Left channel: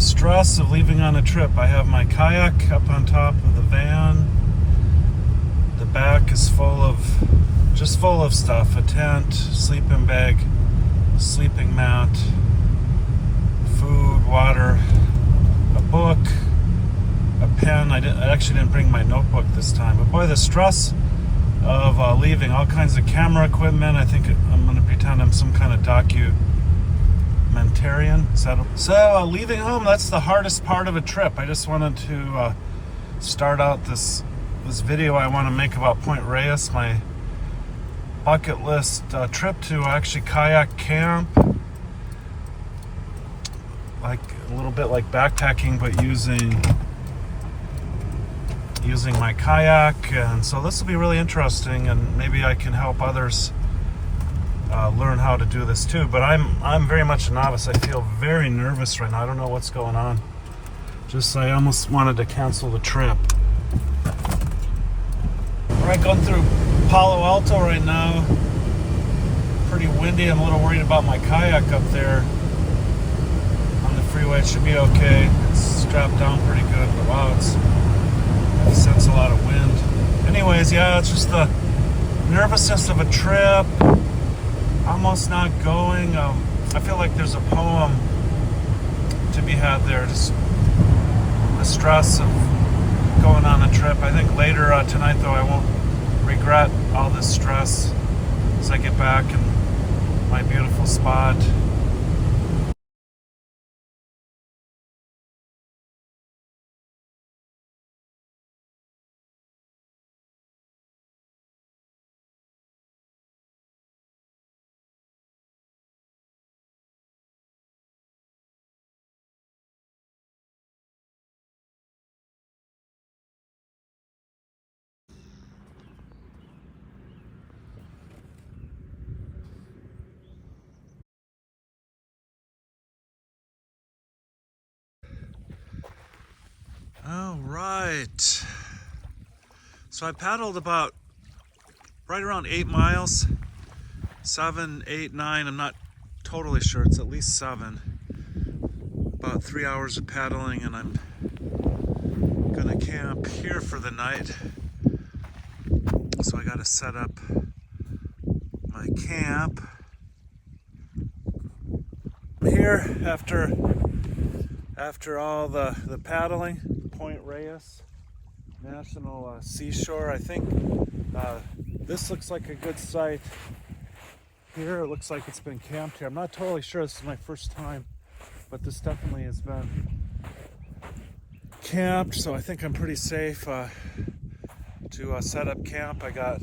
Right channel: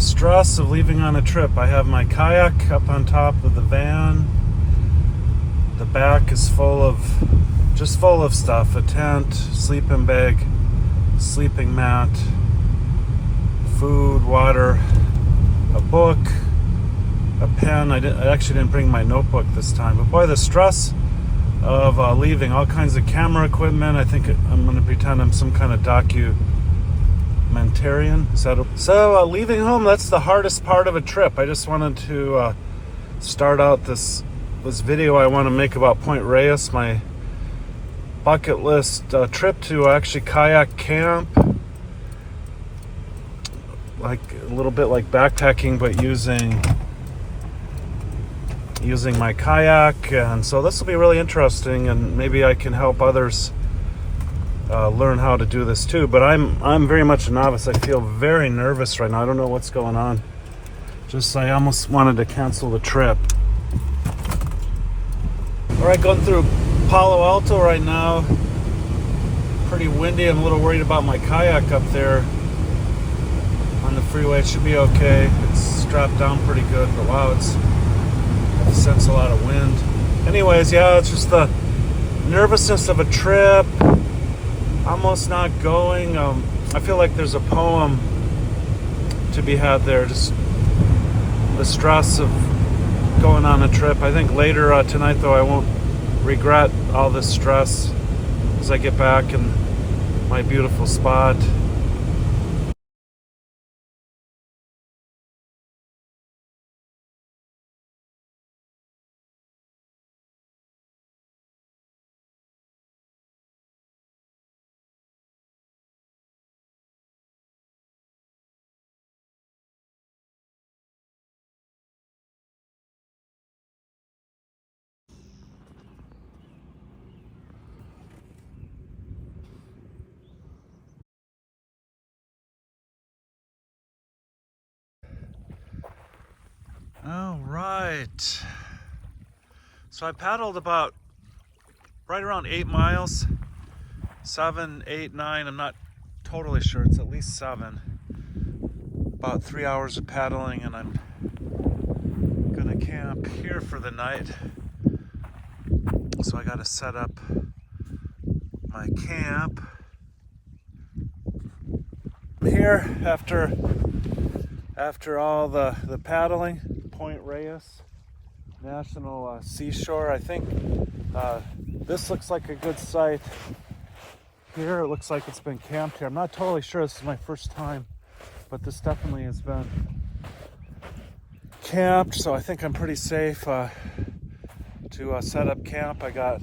The stress of leaving on a trip. I have my kayak up on top of the van. The back is full of stuff. A tent, sleeping bag, sleeping mat, food, water, a book, a pen. I actually didn't bring my notebook this time. But boy, the stress of leaving all kinds of camera equipment. I think I'm going to pretend I'm some kind of documentarian. So leaving home, that's the hardest part of a trip. I just wanted to start out this video I want to make about Point Reyes, my bucket list trip to actually kayak camp, like a little bit like backpacking, but using my kayak. And so this will be really interesting, and maybe I can help others learn how to do this too. But I'm very much a novice. I feel very nervous right now. I don't know what's going on. I almost wanted to cancel the trip. We're going through Palo Alto right now. Pretty windy. I'm a little worried about my kayak up there on the freeway. It should be okay. It's strapped down pretty good, but wow, I sense a lot of wind. Anyways, yeah, it's just the nervousness of a trip. Almost not going. I feel like there's a poem to be had there. Just the stress of going on a trip. I think later tonight, though, I won't regret all this stress as I get back in my beautiful spot. All right. So I paddled about right around 8 miles, 7, 8, 9. I'm not totally sure. It's at least 7. About 3 hours of paddling, and I'm gonna camp here for the night. So I gotta set up my camp. I'm here after all the paddling. Point Reyes National Seashore. I think this looks like a good site here. It looks like it's been camped here. I'm not totally sure. This is my first time, but this definitely has been camped, so I think I'm pretty safe to set up camp. I got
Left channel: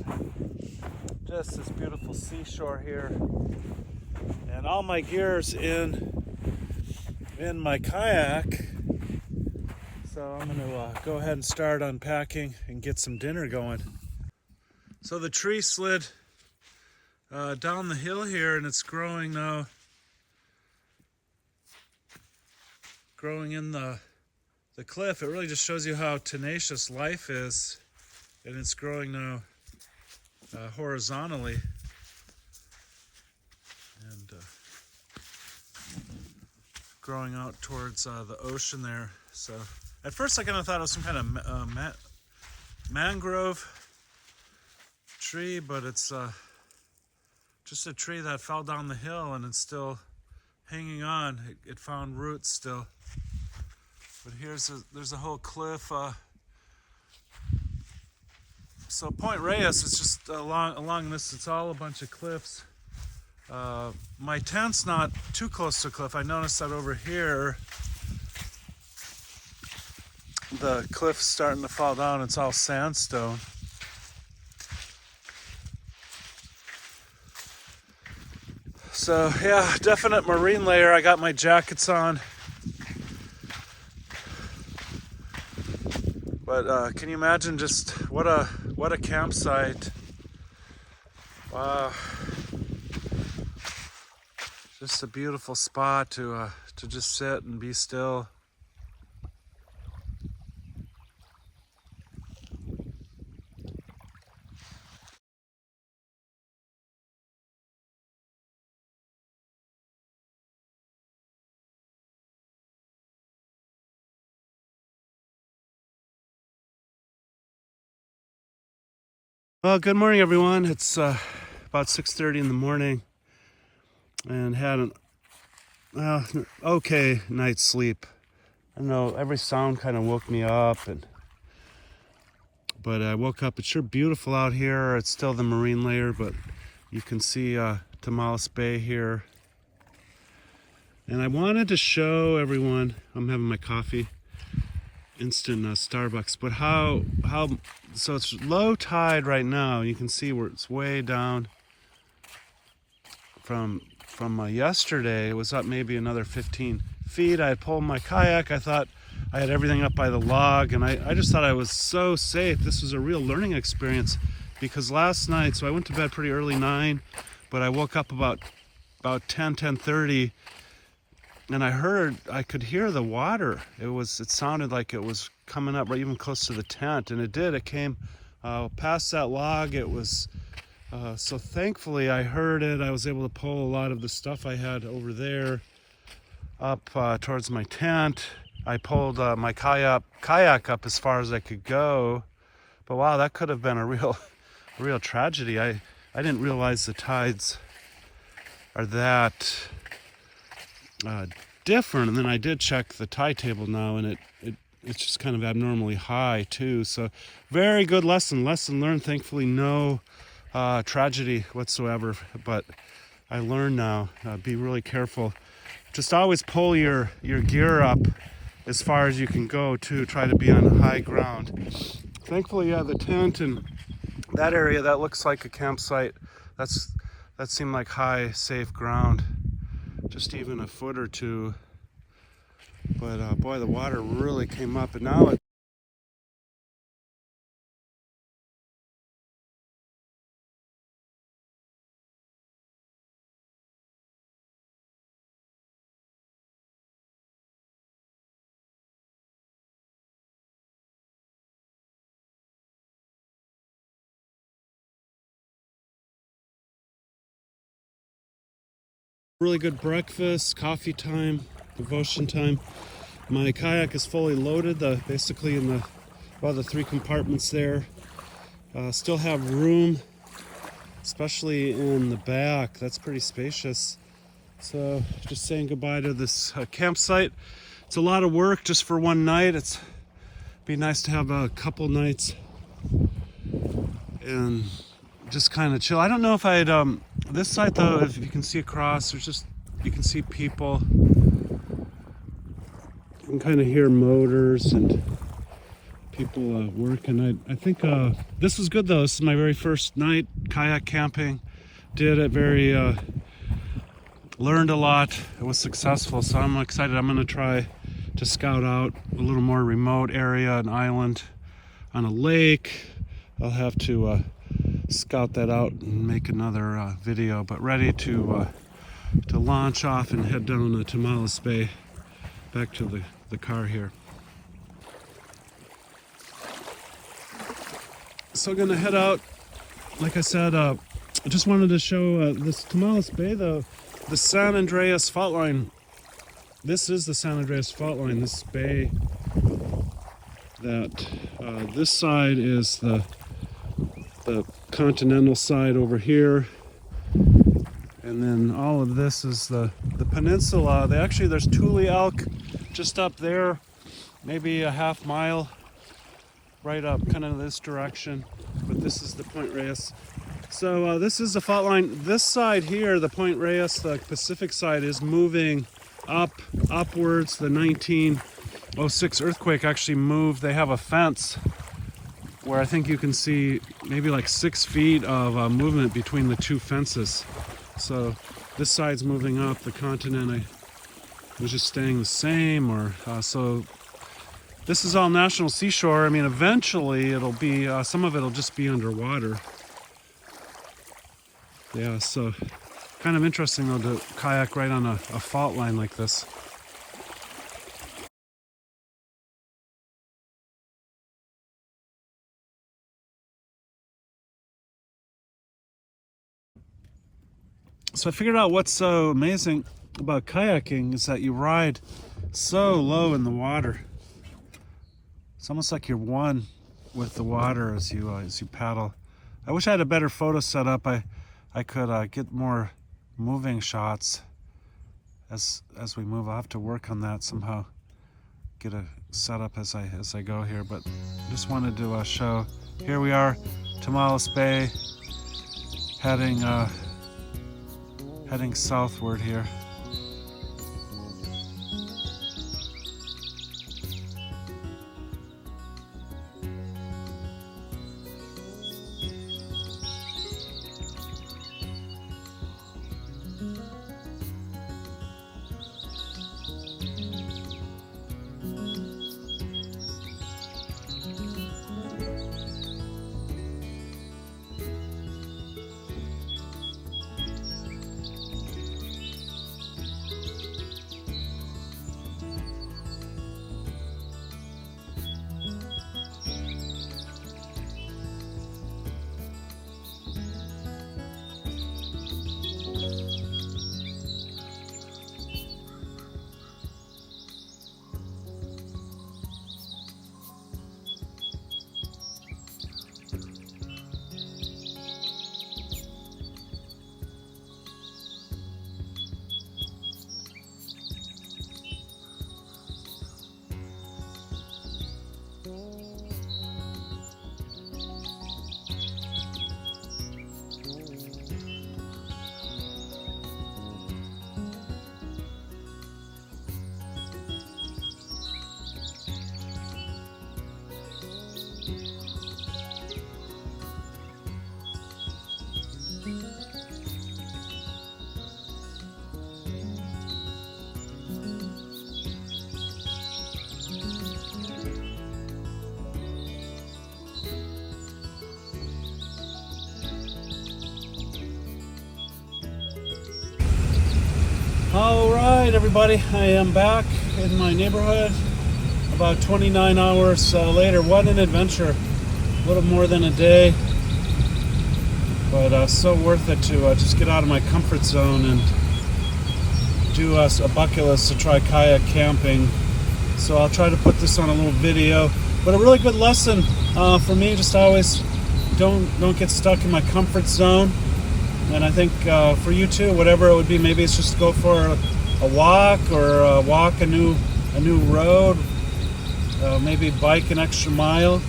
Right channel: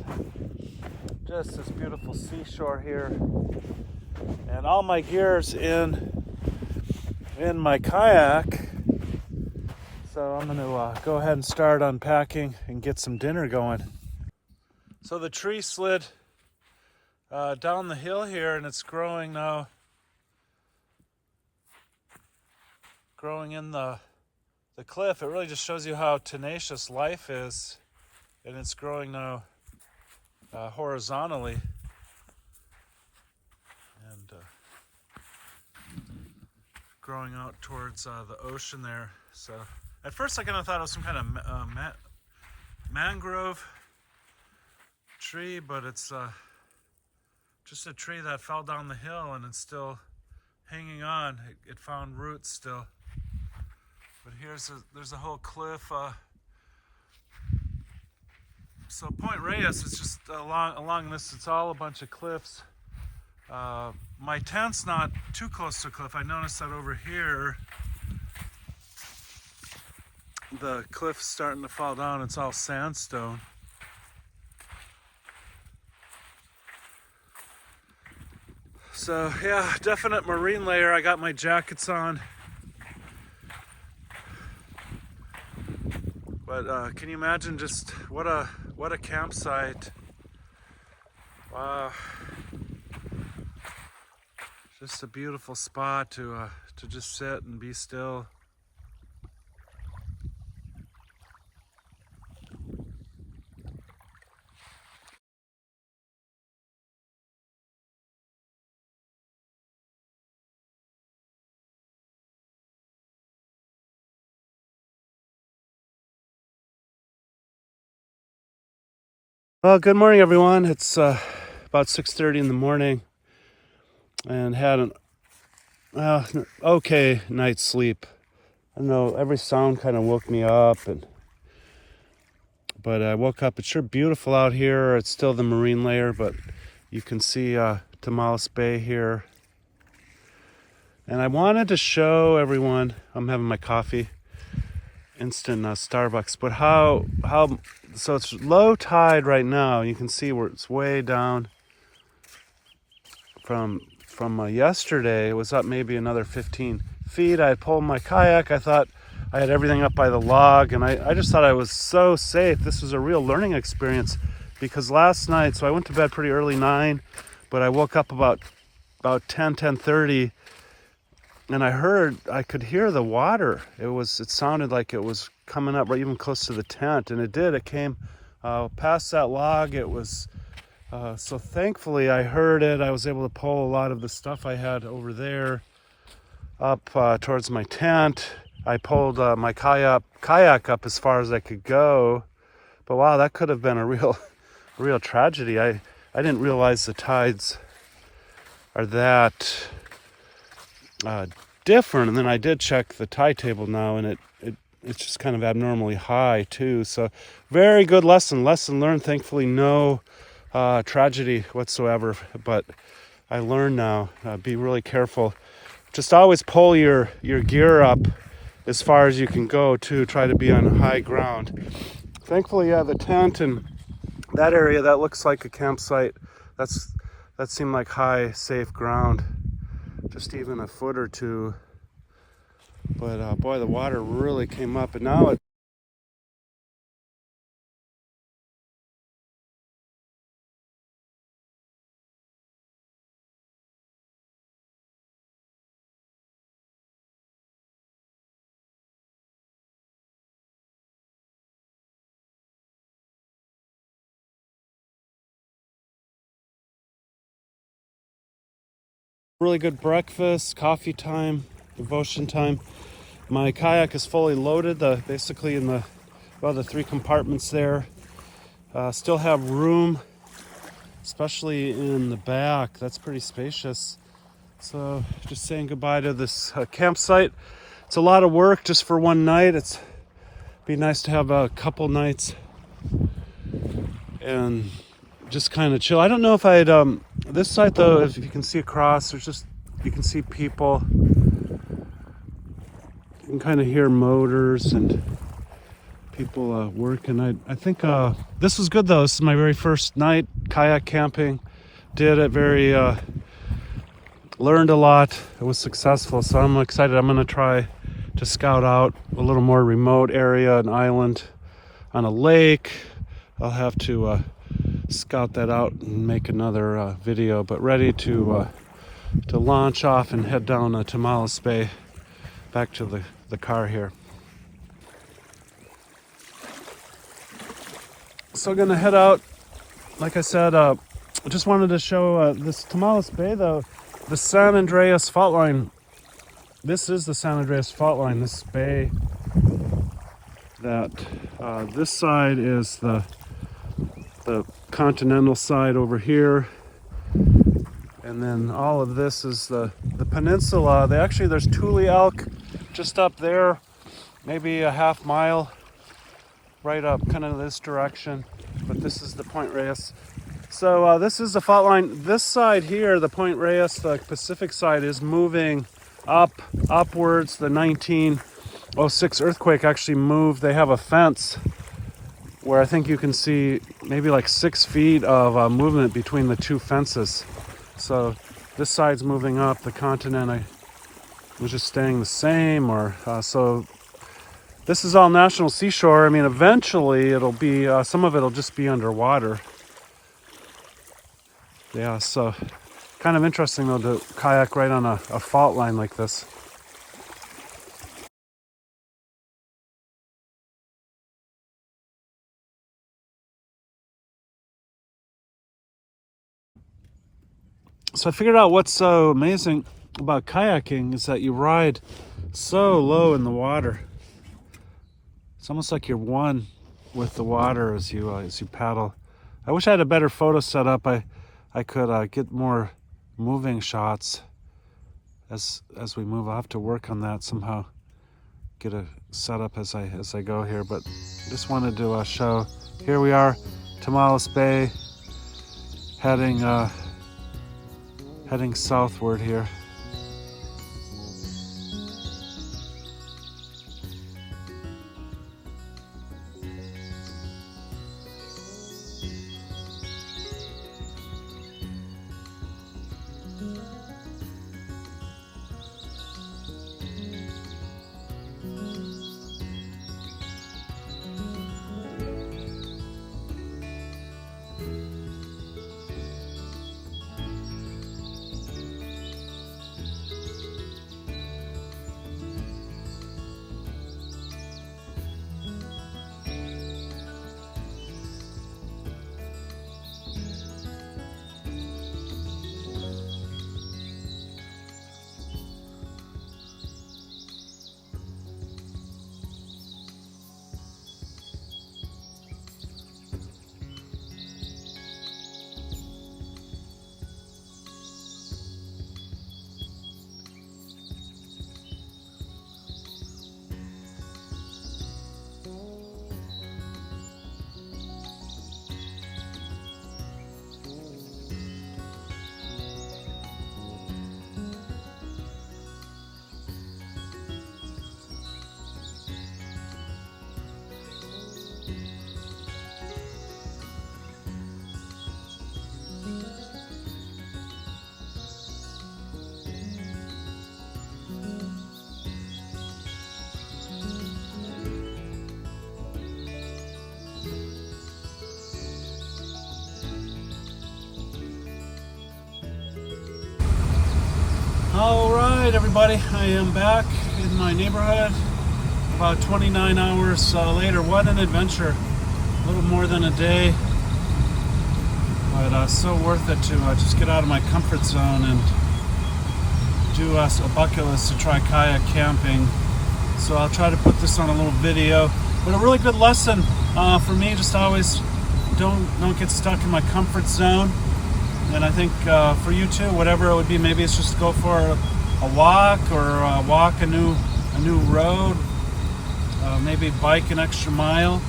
just this beautiful seashore here, and all my gear's in my kayak. So I'm going to go ahead and start unpacking and get some dinner going. So the tree slid down the hill here, and it's growing now. Growing in the cliff. It really just shows you how tenacious life is. And it's growing now horizontally. And growing out towards the ocean there. So at first I kind of thought it was some kind of mangrove tree, but it's just a tree that fell down the hill, and it's still hanging on. It found roots still. But there's a whole cliff. So Point Reyes is just along this. It's all a bunch of cliffs. My tent's not too close to a cliff. I noticed that over here, the cliff's starting to fall down. It's all sandstone. So yeah, definite marine layer. I got my jackets on. But can you imagine just what a campsite? Wow. Just a beautiful spot to just sit and be still. Well, good morning, everyone. It's about 6:30 in the morning, and had an okay night's sleep. I don't know, every sound kind of woke me up, but I woke up. It's sure beautiful out here. It's still the marine layer, but you can see Tamales Bay here. And I wanted to show everyone, I'm having my coffee, instant Starbucks, but so it's low tide right now. You can see where it's way down from yesterday. It was up maybe another 15 feet. I pulled my kayak. I thought I had everything up by the log, and I just thought I was so safe. This was a real learning experience, because last night, so I went to bed pretty early, 9, but I woke up about 10:30, and I could hear the water. It sounded like it was coming up right even close to the tent, and it did. It came past that log. It was so thankfully I heard it. I was able to pull a lot of the stuff I had over there up towards my tent. I pulled my kayak up as far as I could go. But wow, that could have been a real tragedy. I didn't realize the tides are that different. And then I did check the tide table now, and it's just kind of abnormally high too. So very good lesson learned. Thankfully no tragedy whatsoever, but I learned now, be really careful. Just always pull your gear up as far as you can go too. Try to be on high ground. Thankfully, yeah, the tent and that area, that looks like a campsite. That seemed like high, safe ground, just even a foot or two. But boy, the water really came up, and now it's really good breakfast, coffee time, devotion time. My kayak is fully loaded, basically in the 3 compartments there. Still have room, especially in the back. That's pretty spacious. So just saying goodbye to this campsite. It's a lot of work just for one night. It'd be nice to have a couple nights and just kind of chill. I don't know if I'd this site though, if you can see across, you can see people. You can kind of hear motors and people working. I think this was good though. This is my very first night kayak camping. Did it very learned a lot. It was successful, so I'm excited. I'm going to try to scout out a little more remote area, an island on a lake. I'll have to scout that out and make another video, but ready to launch off and head down Tamales Bay back to the car here. So gonna head out. Like I said, I just wanted to show this Tamales Bay, the San Andreas fault line. This is the San Andreas fault line, this bay. That this side is the continental side over here, and then all of this is the peninsula. There's Tule Elk just up there, maybe a half mile right up kind of this direction, but this is the Point Reyes. So this is the fault line. This side here, the Point Reyes, the Pacific side, is moving upwards. The 1906 earthquake actually moved. They have a fence where I think you can see maybe like 6 feet of movement between the 2 fences. So this side's moving up. The continent was just staying the same, or so. This is all National Seashore. I mean, eventually it'll be some of it'll just be underwater. Yeah, so kind of interesting though to kayak right on a fault line like this. So I figured out what's so amazing about kayaking is that you ride so low in the water. It's almost like you're one with the water as you paddle. I wish I had a better photo setup. I could get more moving shots as we move. I'll have to work on that somehow. Get a setup as I go here, but I just wanted to show. Here we are, Tamales Bay, heading southward here. Alright everybody, I am back in my neighborhood about 29 hours later. What an adventure. A little more than a day, but so worth it to just get out of my comfort zone and do a bucket list to try kayak camping. So I'll try to put this on a little video, but a really good lesson for me. Just always don't get stuck in my comfort zone. And I think for you too, whatever it would be, maybe it's just to go for a walk or walk a new road, maybe bike an extra mile,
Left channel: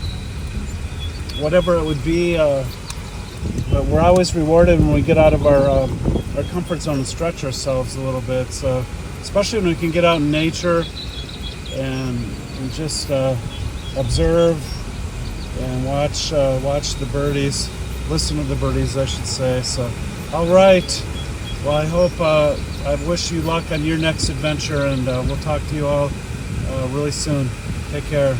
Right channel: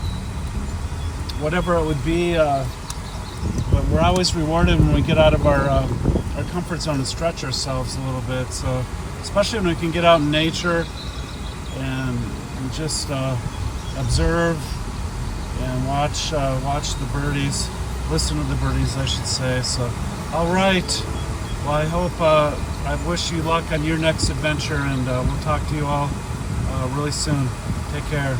whatever it would be. But we're always rewarded when we get out of our comfort zone and stretch ourselves a little bit. So especially when we can get out in nature and just observe and watch the birdies. Listen to the birdies, I should say. So, all right. Well, I hope, I wish you luck on your next adventure, and we'll talk to you all really soon. Take care.